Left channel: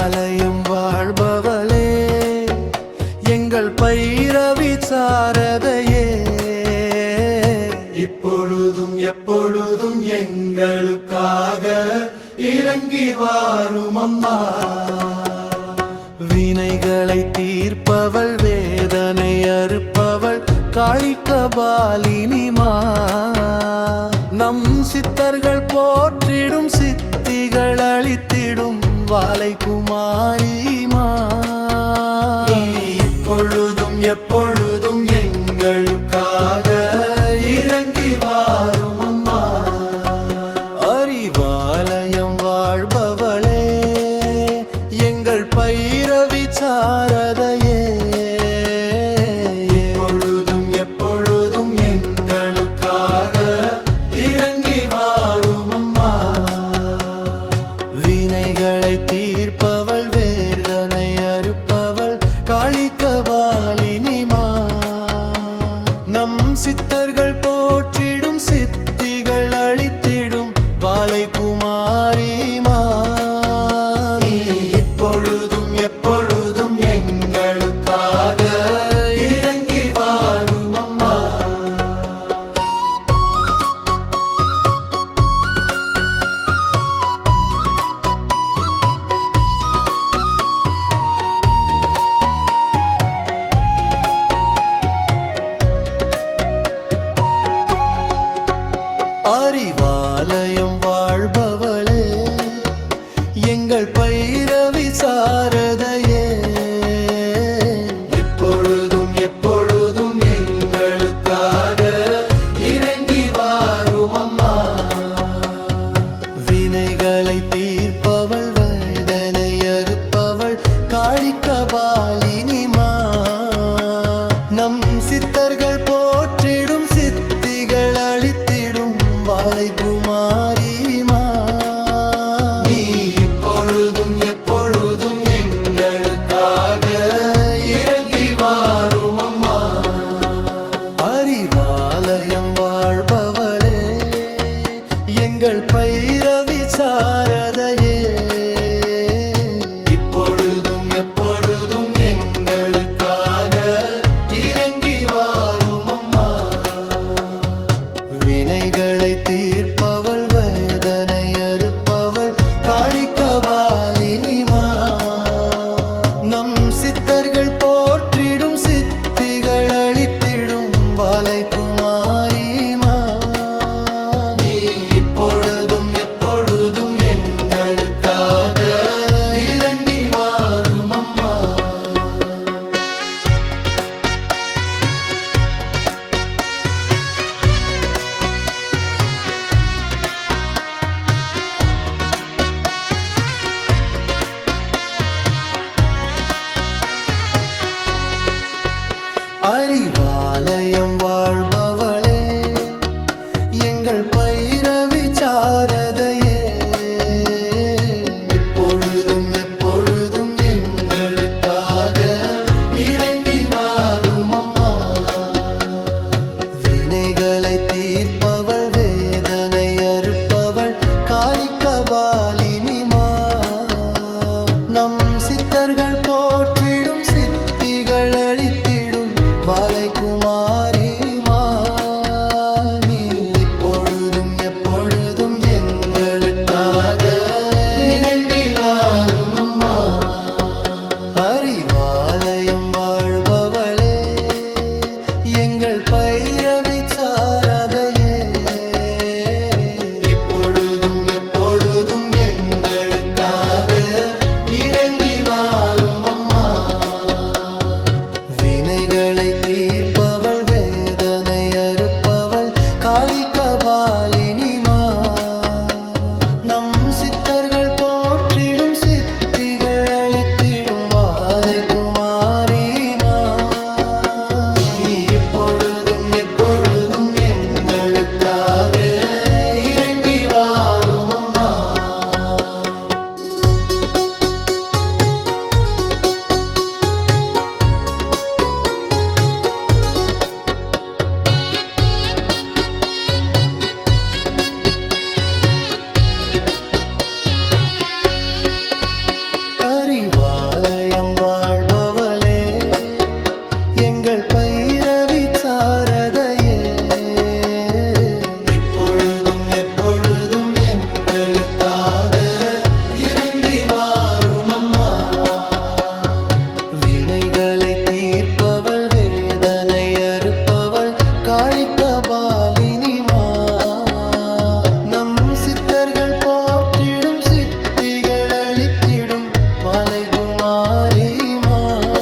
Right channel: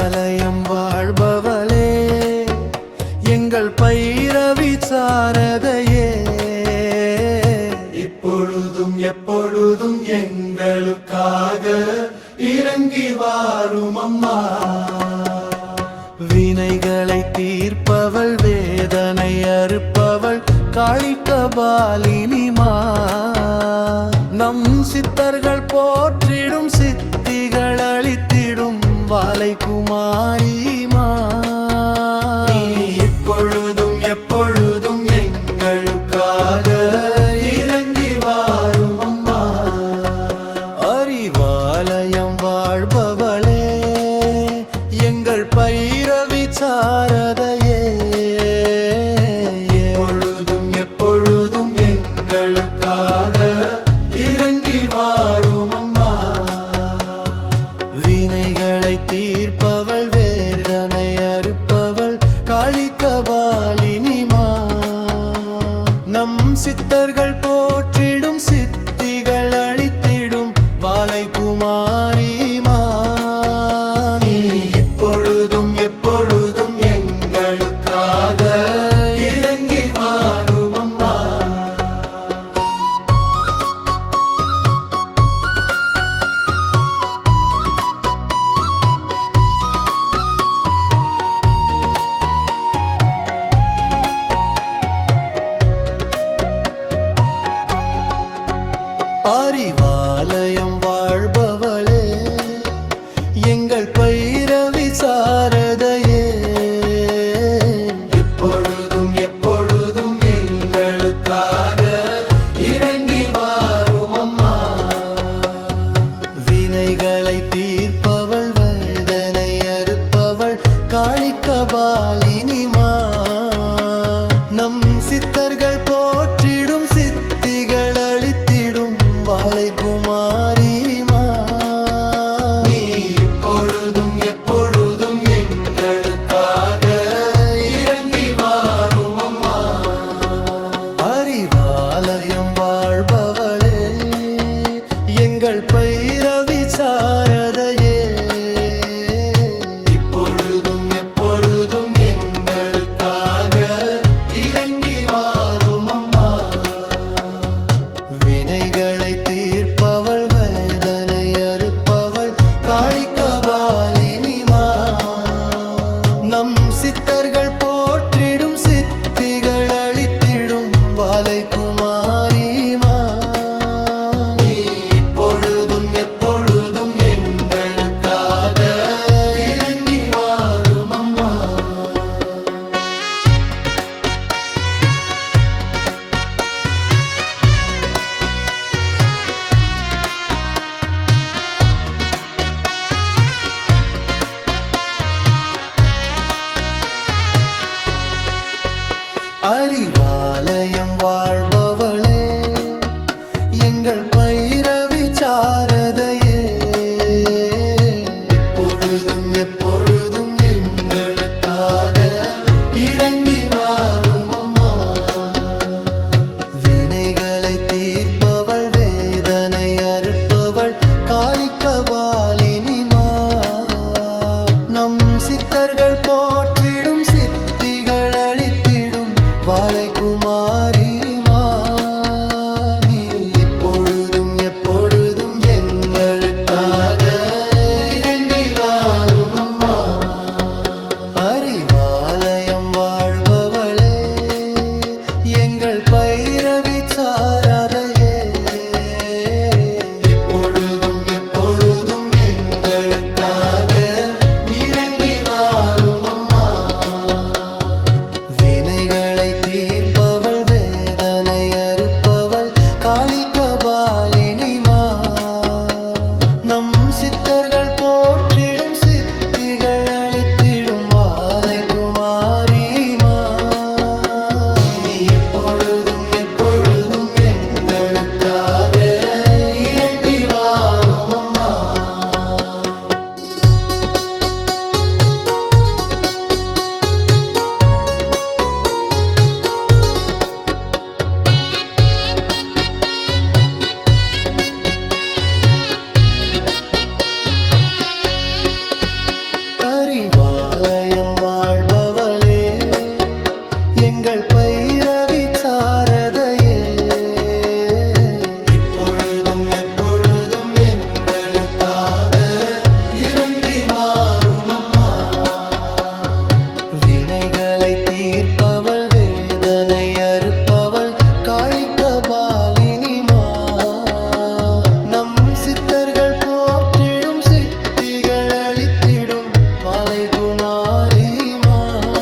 அறிவாலயம் வாழ்பவளே, எங்கள் பைரவி சாரதையே, இப்பொழுதும் எப்பொழுதும் எங்களுக்காக இறங்கி வாரும் அம்மா. வினைகளை தீர்ப்பவள், வேதனை அறுப்பவள், காளிகபாலினிமா. நம் சித்தர்கள் போற்றிடும், சித்திகள் அளித்திடும் வாலை குமாரிமா. இப்பொழுதும் எப்பொழுதும் எங்களுக்காக இறங்கி வாரும் அம்மா. அறிவாலயம் வாழ்பவளே, எங்கள் பைரவி சாரதையே, எப்பொழுதும் எப்பொழுதும் எங்களுக்காக இறங்கி வாரும் அம்மா. வினைகளை தீர்ப்பவள், வேதனை அறுப்பவள், காளிகபாலினிமா. நம் சித்தர்கள் போற்றிடும், சித்திகள் அளித்திடும் வாலை குமாரிமா. இப்பொழுதும் எப்பொழுதும் எங்களுக்காக இறங்கி வாரும் அம்மா. அறிவாலயம் வாழ்பவளே, எங்கள் பைரவி சாரதையே, இப்பொழுதும் எப்பொழுதும் எங்களுக்காக இறங்கி வாரும் அம்மா. வினைகளை தீர்ப்பவள், வேதனை அறுப்பவள், காளிகபாலினிமா. நம் சித்தர்கள் போற்றிடும், சித்திகள் அளித்திடும் வாலை குமாரிமா. இப்பொழுதும் எப்பொழுதும் எங்களுக்காக இறங்கி வாரும் அம்மா. அறிவாலயம் வாழ்பவளே, எங்கள் பைரவி சாரதையே, இப்பொழுதும் எப்பொழுதும் எங்களுக்காக இறங்கி வாரும் அம்மா. வினைகளை தீர்ப்பவள், வேதனை அறுப்பவள், காளிகபாலினிமா. நம் சித்தர்கள் போற்றிடும், சித்திகள் அளித்திடும் வாலை குமாரிமா. இப்பொழுதும் எப்பொழுதும் எங்களுக்காக இறங்கி வாரும் அம்மா. அறிவாலயம் வாழ்பவளே, எங்கள் பைரவி சாரதையே, இப்பொழுதும் எப்பொழுதும் எங்களுக்காக இறங்கி வாரும் அம்மா. வினைகளை தீர்ப்பவள், வேதனை அறுப்பவள், காளிகபாலினிமா. நம் சித்தர்கள் போற்றிடும், சித்திகள் அளித்திடும் வாலை குமாரிமா. இப்பொழுதும் எப்பொழுதும் எங்களுக்காக இறங்கி வாரும் அம்மா. அறிவாலயம் வாழ்பவளே, எங்கள் பைரவி சாரதையே, இப்பொழுதும் எப்பொழுதும் எங்களுக்காக இறங்கி வாரும் அம்மா. வினைகளை தீர்ப்பவள், வேதனை அறுப்பவள், காளிகபாலினிமா. நம் சித்தர்கள் போற்றிடும், சித்திகள் அளித்திடும் வாலை குமாரிமா. இப்பொழுதும் எப்பொழுதும் எங்களுக்காக இறங்கி வாரும் அம்மா. அறிவாலயம் வாழ்பவளே, எங்கள் பைரவி சாரதையே, இப்பொழுதும் எப்பொழுதும் எங்களுக்காக இறங்கி வாரும் அம்மா. வினைகளை தீர்ப்பவள், வேதனை அறுப்பவள், காளிகபாலினிமா. நம் சித்தர்கள் போற்றிடும், சித்திகள் அளித்திடும் வாலை குமாரிமா.